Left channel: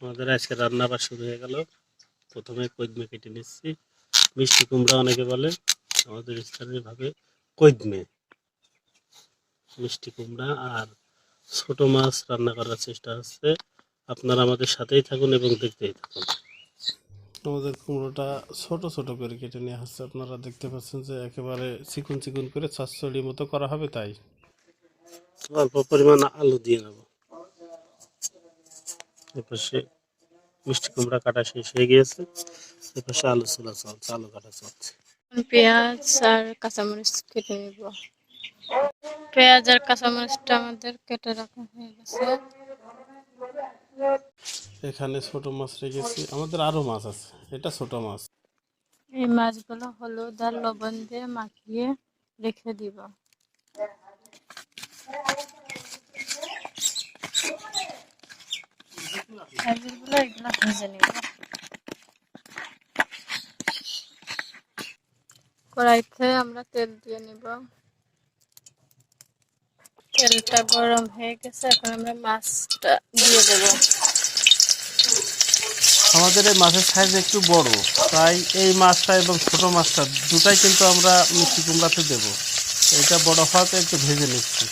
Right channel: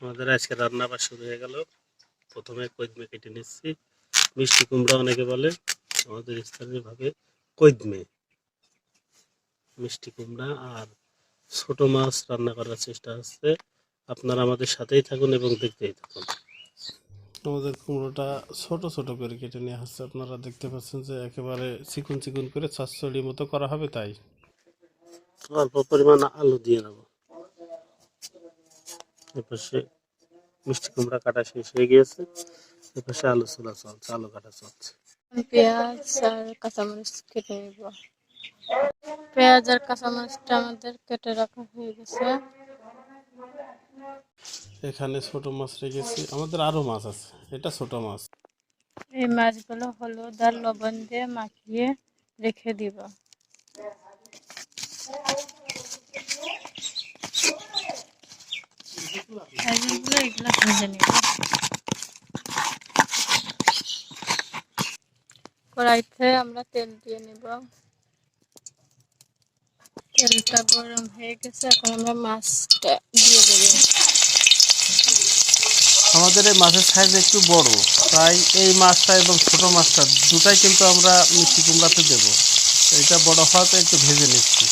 আমাদের আজকে রান্না আবার শুরু হয়ে গেল। প্রথমে কইদমে কেটে নিচ্ছি। মিষ্টি কুমড়া অনেকে বলে আমাদের স্থানীয় ভাবে কইদমে। মিষ্টি কুমড়া আর ছোট মাছ রান্না করার চেষ্টা হচ্ছে আপনারা আমাদের সাথেই থাকুন এবং দেখতেই থাকুন। আমাদের কুমড়োটা ছোট ছোট করে কেটে নেওয়া হচ্ছে। আপনারা দেখতে পাচ্ছেন যে একেবারে চিকুন চিকুন করে চচ্চড়ি মতো করা হবে তাই। অল্প পরিমাণ আলু দিয়ে নেব। এপাশে মিষ্টি কুমড়া কাটা শেষ হয়ে গিয়েছে এপাশে আলু ছোলা চলছে আলু কাটা চলছে। পেঁয়াজ আর কাঁচামরিচ কেটে নিব। পেঁয়াজ আর কাঁচামরিচটা আমাদের কেটে রাখা হয়ে গেছে। এখানে ছোট মাছ রেখেছি আমাদের আরও মাছ আছে এটা ছোট মাছ। এই মাছগুলো হলুদ আর লবণ দিয়ে মাখিয়ে রেখে দিব। কড়াইতে আমরা তেল দিয়ে নিব। তেলটা গরম হয়ে গেছে, এখন আমরা মাছটা দিয়ে দেবো। আমাদের এই মাছের সাইজ একটু বড়, তাই এই মাছটা এবং ছোট মাছটা দুটাই কিন্তু আমরা মিষ্টি কুমড়াতে দেব। এটা বড় হওয়াতে একটু ভেজে নিচ্ছি।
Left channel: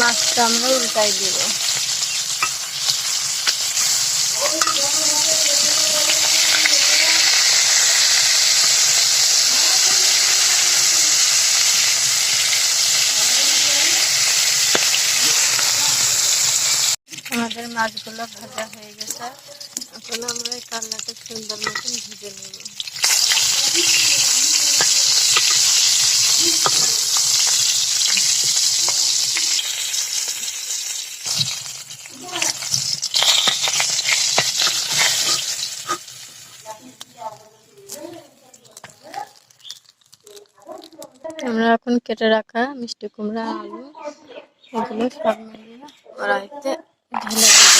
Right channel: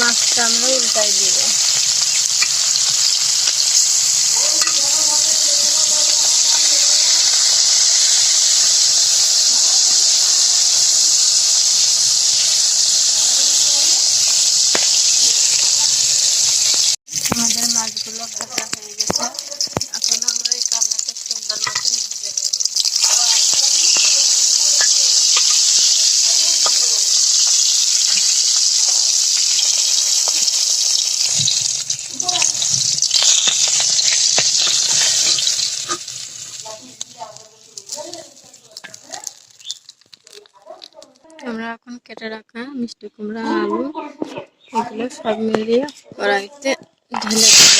মাছটা আমরা উল্টাই দিব। আমাদের মাছগুলো ভাজা হয়ে গেছে। এখন আমরা এই কান্নাটা সুন্দর মতন ভেজে নেব। আমরা এখন কেটে রাখা মিষ্টি কুমড়া, আলু, এগুলো সব মিলিয়ে কড়াইতে ঢেলে দেব।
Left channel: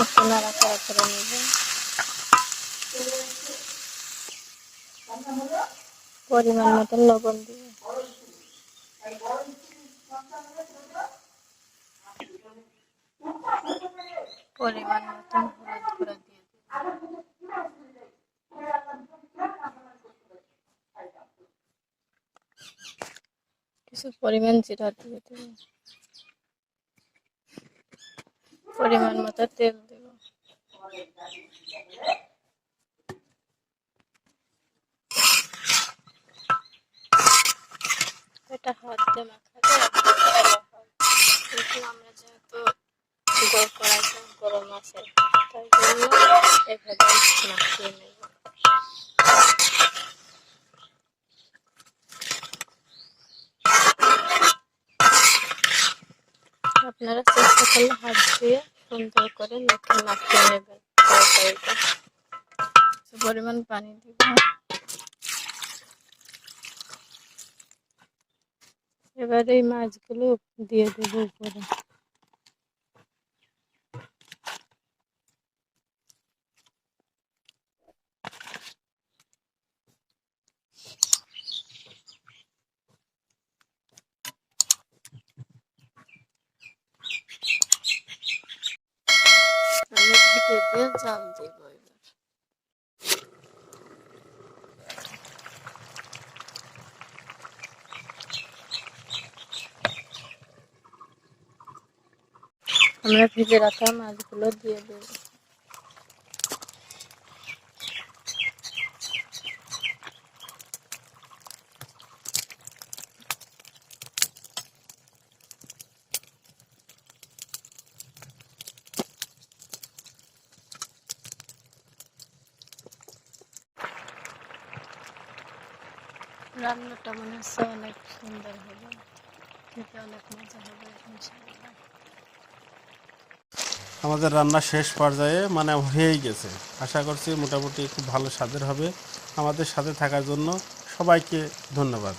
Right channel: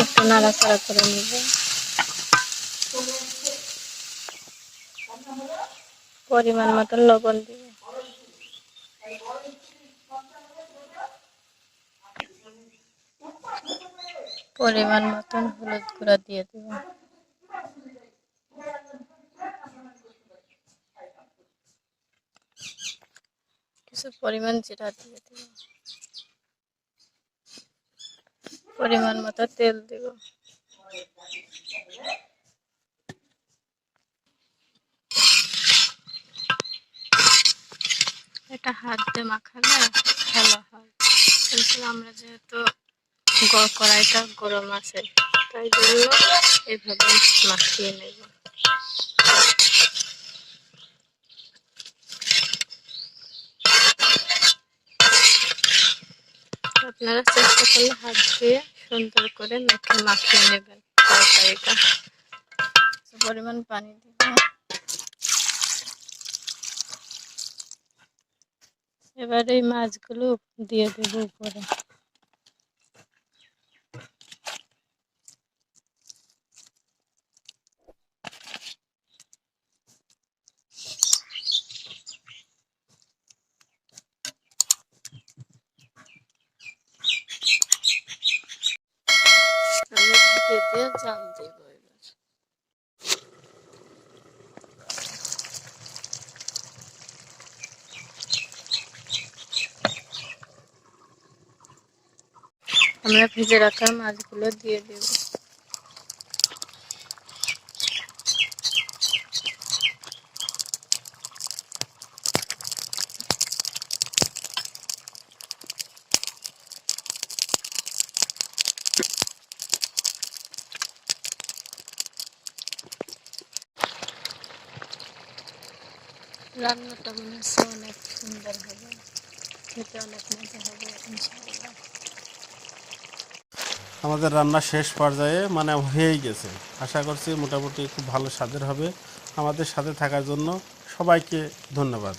একটু নাড়াচাড়া করে নেব। পরিমাণ মতন লবণ দিব পরিমাণ মতন হলুদ গুঁড়া দিয়ে দেব। কিছু পরিমাণ জিরা দিয়ে দেব। পরিমাণ মতো তেল দেব। এটা হাত দিয়ে মাখালে ভালো হয়। কিন্তু আমরা যেহেতু কড়াইটা গরম আছে। তাই জন্য এভাবে মাখিয়ে নেব। আপনারা চেষ্টা করলে হাত দিয়ে সুন্দর করে মেখে মাখিয়ে নেবেন তরকারিটা। পরিমাণ পানি দিব। এবার এই মাছগুলো দিয়ে দেবো উপরে। জাল দিব এবার আমরা ভেজে রাখা মাছগুলো দিয়ে দেব রান্নাটা মনে হচ্ছে অনেক সুন্দর হবে। খেতে অনেক মজা হবে আমাদের রান্না শেষ পর্যায়ে মানে হয়েই গেছে। আশা করছি মোটামুটি খুব ভালো স্বাদের হবে। আমাদের সাথে থাকার জন্য সবাইকে ধন্যবাদ।